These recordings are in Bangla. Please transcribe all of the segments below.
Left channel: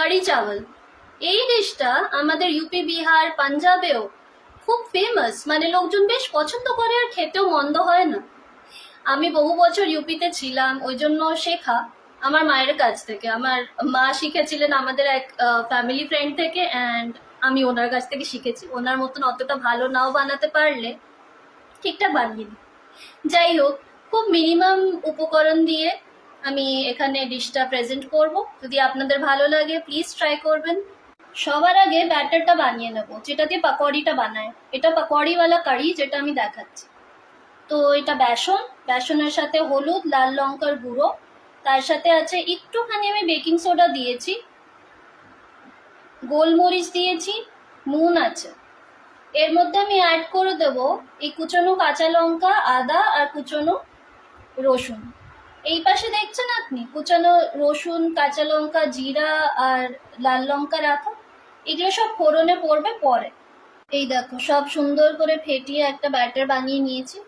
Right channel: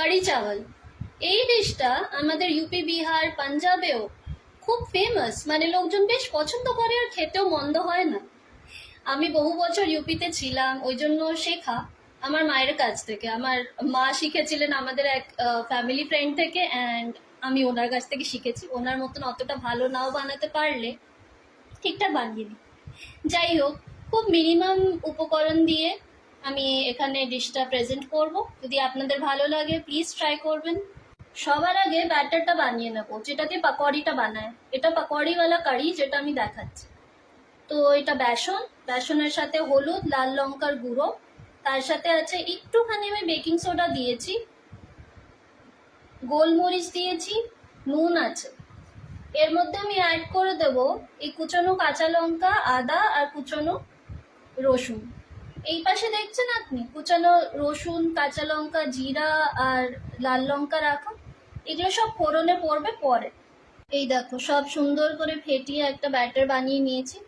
কারি চাওয়াল। এই ডিশটা আমাদের ইউপি, বিহার, পাঞ্জাবেও খুব ফেমাস, মানে লোকজন বেশ পছন্দ করে আর খেতেও মন্দ হয় না। আমি বহু বছর ইউপিতে ছিলাম, ওই জন্য শেখা আমার মায়ের কাছ থেকে। আমার মা শিখেছিলেন আমাদের এক ফ্যামিলি ফ্রেন্ড থেকে, অ্যান্ড আমি ওনার কাছ থেকে শিখেছি। ওনার মতন অতটা ভালো নাও বানাতে পারলে ঠিকঠাক বানিয়ে নিই। যাই হোক, খুব মিনিমাম উপকরণ দিয়ে আমি এখানে ডিশটা প্রেজেন্ট করব। যদি আপনাদের ভালো লাগে প্লিজ ট্রাই করবেন। সবার আগে ব্যাটারটা বানিয়ে নেবো, যেটা দিয়ে পাকোড়িটা বানায়। এটা পাকোড়িওয়ালা কারি যেটা আমি দেখাচ্ছি। তো এটা বেসনের সাথে হলুদ, লাল লঙ্কার গুঁড়ো, তার সাথে আছে একটুখানি আমি বেকিং সোডা দিয়েছি, গোলমরিচ দিয়েছি, নুন আছে। এর মধ্যে আমি অ্যাড করে দেব এই কুচনো কাঁচা লঙ্কা, আদা আর কুচনো রসুন। এই পাশে দেখছেন আপনি কুচানো রসুন, কাঁচা লঙ্কা, জিরা আর লাল লঙ্কা রাখা, এগুলো সব ফোড়নে পড়বে পরে। এই দেখো সব সুন্দর করে ফেটিয়ে একটা ব্যাটার বানিয়ে নিয়েছি।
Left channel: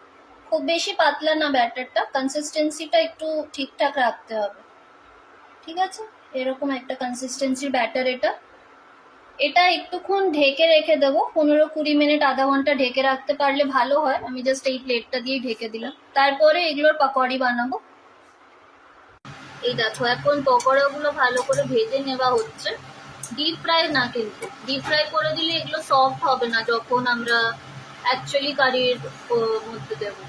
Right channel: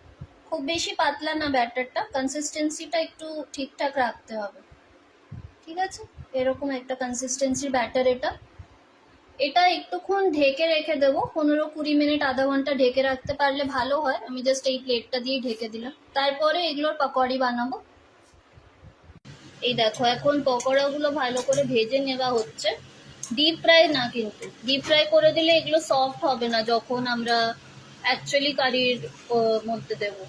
খুব বেশি পাতলা না ব্যাটারটা, কনসিস্টেন্সিটা একটু ঠিকঠাক রাখতে হবে। ঠিক আছে, এরকম একটা কনসিস্টেন্সির ব্যাটার এটা। এটা একটুক্ষণ ঢেকে রেখে দেবো, 15-20 মিনিট, আধা ঘন্টা ঢেকে রাখতে পারলে ভালো হয়। আমি জাস্ট এই প্লেটটা দিয়ে ঢেকে দিলাম। তারপরে এগুলোর পাকোড়ি বানাবো। এই দেখো এখন পকোড়াগুলো ভালো করে ভেজে নেওয়া হচ্ছে। ডিপ ফ্রাই না, কিন্তু ডিপ ফ্রাই করে দিলে এগুলো সফট হবে না যখন আমরা অ্যাকচুয়ালি কারির মধ্যে দেবো।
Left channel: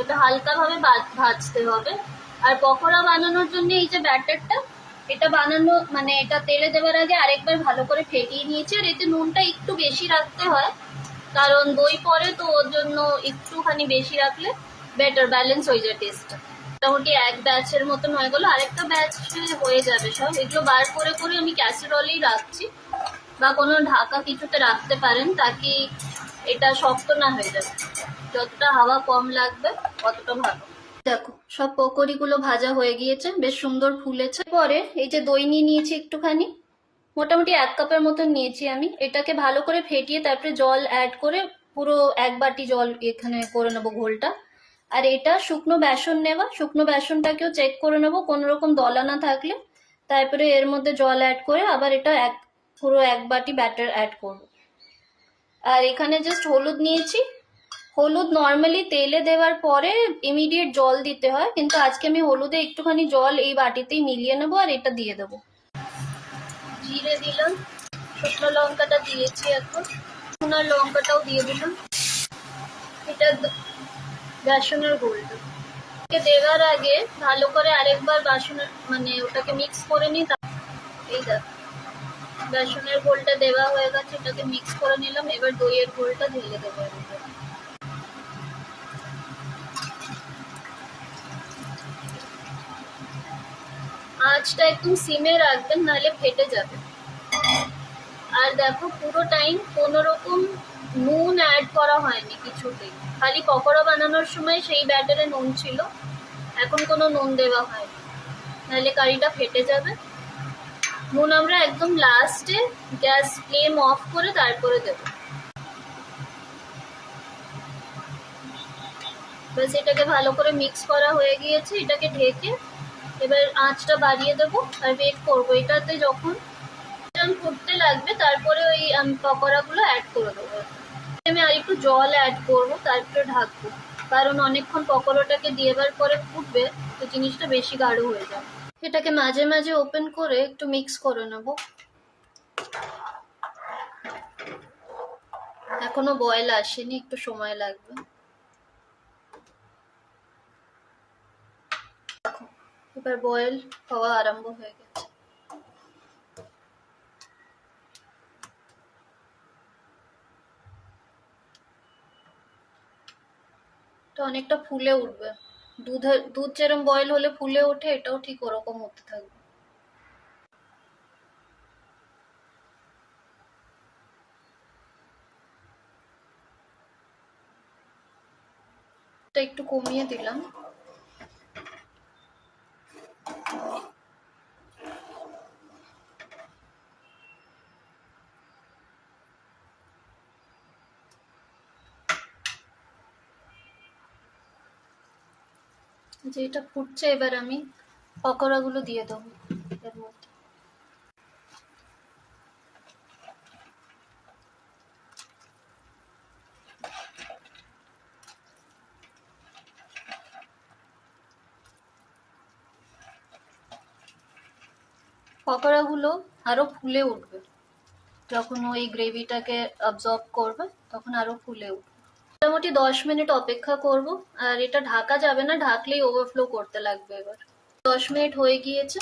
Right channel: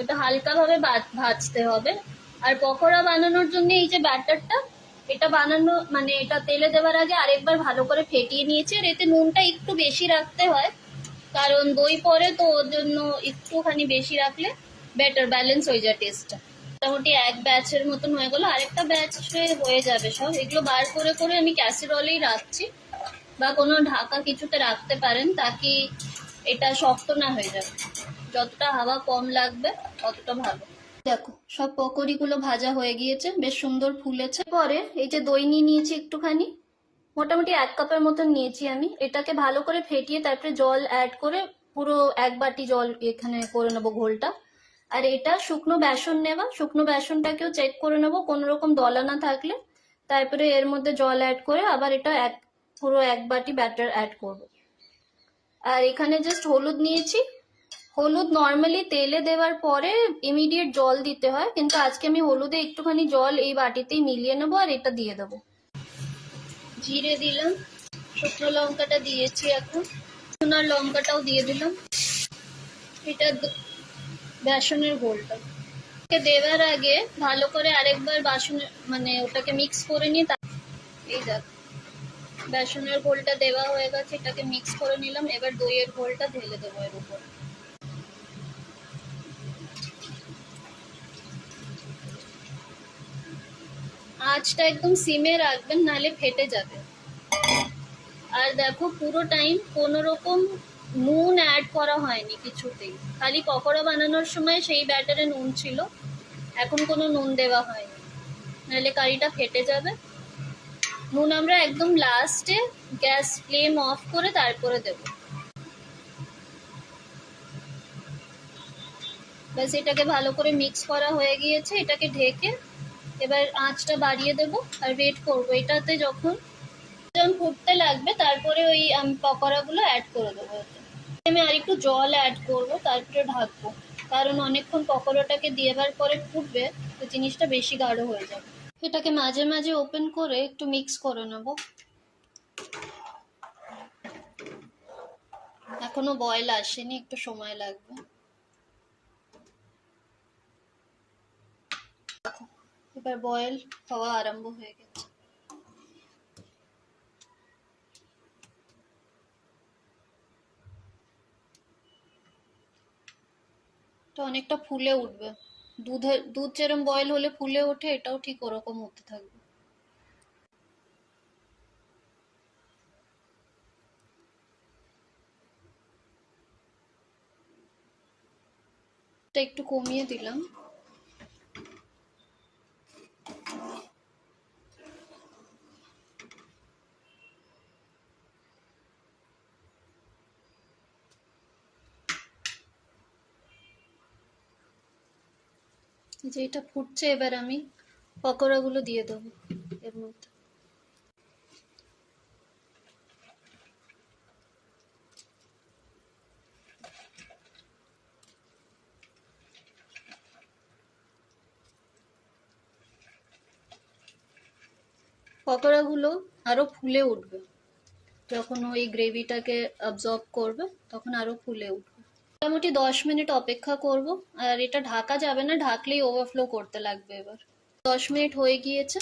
এটা হালকাভাবে ভাজতে হবে। আর পকোড়া বানানোর জন্য এই যে ব্যাটারটা, এটা বানানো মানে এটা তেলে দেওয়ার আগে আরেকবার ভালো করে ফেটিয়ে নিয়েছি। আর এতে নুনটা একটু বেশি রাখতে হয়, কারণ দই পরে তো, ওর জন্য একটুখানি বেশি রাখলে বেটার ব্যালেন্স হয়ে যায় টেস্টটা। মোটামুটি এক ব্যাচের মতন হয়ে গেলো, আরেকটা ব্যাচে হয়ে যাবে সব। এগুলো বার করে করে আমি ক্যাসেরোলেই রাখছি, বা কোনো ঢাকা কিছুতে রাখতে পারেন, তাকে এটা শক্ত না হয়ে যাবে। যতটা হাওয়া কম লাগবে ততটা ভালো। দেখো সব পকোড়িগুলো ভাজা হয়ে গিয়েছে, বেশ সুন্দর ফুলেছে। পরে এই যে দই নিয়ে নিয়েছি একটুখানি, মোটামুটি 1 কাপের মতন নিয়েছি আমি। এটাকে ভালো করে ফেটিয়ে তারপরে জল অ্যাড করে পুরো 1 বাটি জল এখানে করে নেবো ঘোলটা। আর এটা শুকনো বেসন নেওয়া, শুকনো বেসনটাকেও চেক করে নেবো কোনো রকম দলা না থাকলে। তারপরে এর মধ্যে জল অ্যাড করে আবার এটা পুরো 1 বাটি ব্যাটার অ্যাড করবো। আর এখানে জাস্ট হলুদ নিয়েছি। হলুদ নর্মালি তেলে দেওয়ার পরে ইমিডিয়েট জল দিতে হয়, কিন্তু আজকে আমি হলুদে একটুখানি জল এই বাটিতেই মিলিয়ে নেবো আর এটা দিয়ে দেবো। জিরে দিলাম, শুকনো লঙ্কাটা দিয়েছি, এখন শুকনো লঙ্কাটাও দিয়ে দিলাম। এটা বেসনের ঘোলটা দেওয়ার আগে ভালো করে আরেকবার বেসনের মানে ওটাকে মিক্স করে নিই। এই দেখো বেসনের ঘোলটা দেওয়া হয়ে গেছে, এটাকে মিক্স করে নিলাম। এবার দইয়ের ঘোলটা ঢেলে দেবো এর উপরে। আঁচটা একদম সিমে রাখবেন, নাহলে ফেটে যাবে। আর দেখো পুরো টাইম কোনো রকম নুন অ্যাড করা হয়নি কিছুতেই, খালি পকোড়া বানানোর সময় সেই ব্যাটারে নুন ছিল, এখন কোনো নুন দেওয়া হয়নি, নাহলে কারিটা ফেটে যাবে। নুন আমরা একদম লাস্টে গ্যাস ফ্লেম অফ করে তারপরে দেব। বাস এটাকে ভালো করে মিক্স করা হয়ে গিয়েছে, এটাকে ঢেকে এবার আঁচটা বাড়িয়ে দেবো আর ওয়েট করবো। এটাতে যখন ফুটতে লাগবে তারপরে ওই পকোড়াগুলো অ্যাড করে দেবো। আমি আর একটু জল অ্যাড করবো, তারপরে ঢাকবো, কারণ অনেকক্ষণ পকোড়াটাকে দেওয়ার পরে ফুটবে তো জিনিসটা বেশি গাঢ় হয়ে যাবে। এটাকে মাঝে মাঝে ওপেন করে একটু মিক্স করে নেবো। এখনো বয়েল আসেনি, একটু সময় লাগবে। এবার বয়েল হওয়া আরম্ভ হয়ে গেছে। এটা অনেকটা ফুলে উঠবে, দুধ যেরকম বয়েল হলে ফুলে ওঠে, এটাও ঠিক ওরকম হতে থাকবে। এটা একটু কমিয়ে দিলাম। যে এটা ফুটছে, এবার আমি পকোড়াগুলো দিয়ে দেবো এর মধ্যে। পকোড়াগুলো আরো ফুলে উঠবে, যখন ওই গ্রেভিটাকে অ্যাবজর্ব করবে তখন আরো ফুলে উঠবে। মোটামুটি 10 মিনিট অপেক্ষা করব, আর এটা ঢাকা যাবে না, ঢাকলেই ওভারফ্লো করতে লাগবে। এবার 10 মিনিট হয়ে গিয়েছে,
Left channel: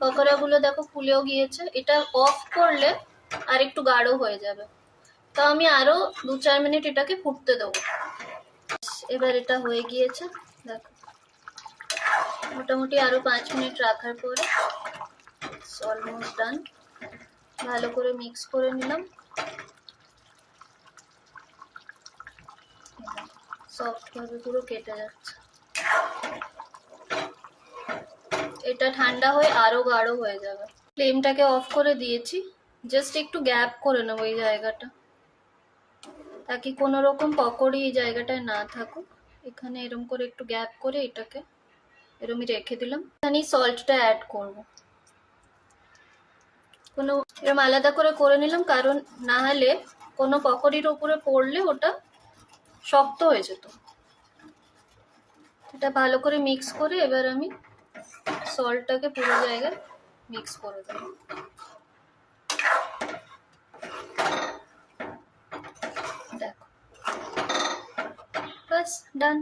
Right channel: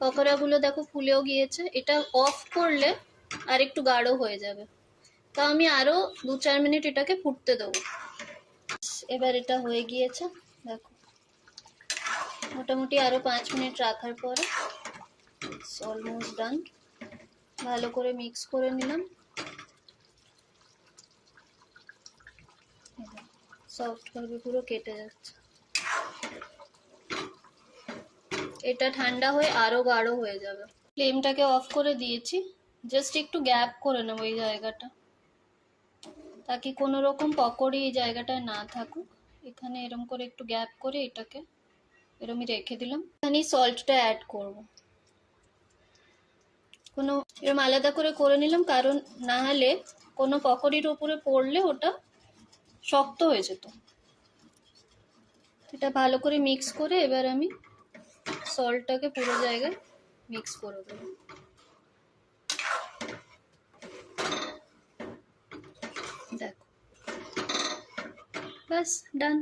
পকোড়াগুলো দেখো ফুলেও গিয়েছে। এটা অফ করলে আর একটু গাঢ় হয়ে যাবে, তো আমি আরো 2-4 মিনিট এটাকে ফুটতে দেবো। এবার এটা হয়ে গিয়েছে দেখো, মোটামুটি আরো 5 মিনিট রাখার পরে অলমোস্ট ডান। ভালো করে মিক্স করে নিলাম, সফট ভাবে পুরো কেটে যাচ্ছে। এটা ঠান্ডা হয়ে আরো গাঢ় হয়ে যাবে। ফ্লেমটাকে অফ করে দিয়েছি, জাস্ট একটু গ্যাপ করে নেবো এই জায়গাটা, তাকে কোনো রকম পকোড়ি এই জায়গাটায় না থাকুক। এখানে এরম করে একটু গ্যাপ করে এটাকে এরমই রেখে দিলাম। এখানে সল্টটা অ্যাড করব, কোনো এরম আলাদা করে নিলাম, কারণ না হলে কোনো পকোড়ির উপরে পড়লে ওটা শক্ত হয়ে যেত। এটা ভালো করে মিক্স করে এবার আমি সল্টটাকে পুরো জায়গায় মিক্স করে দেবো। দেখো, বাস ডান।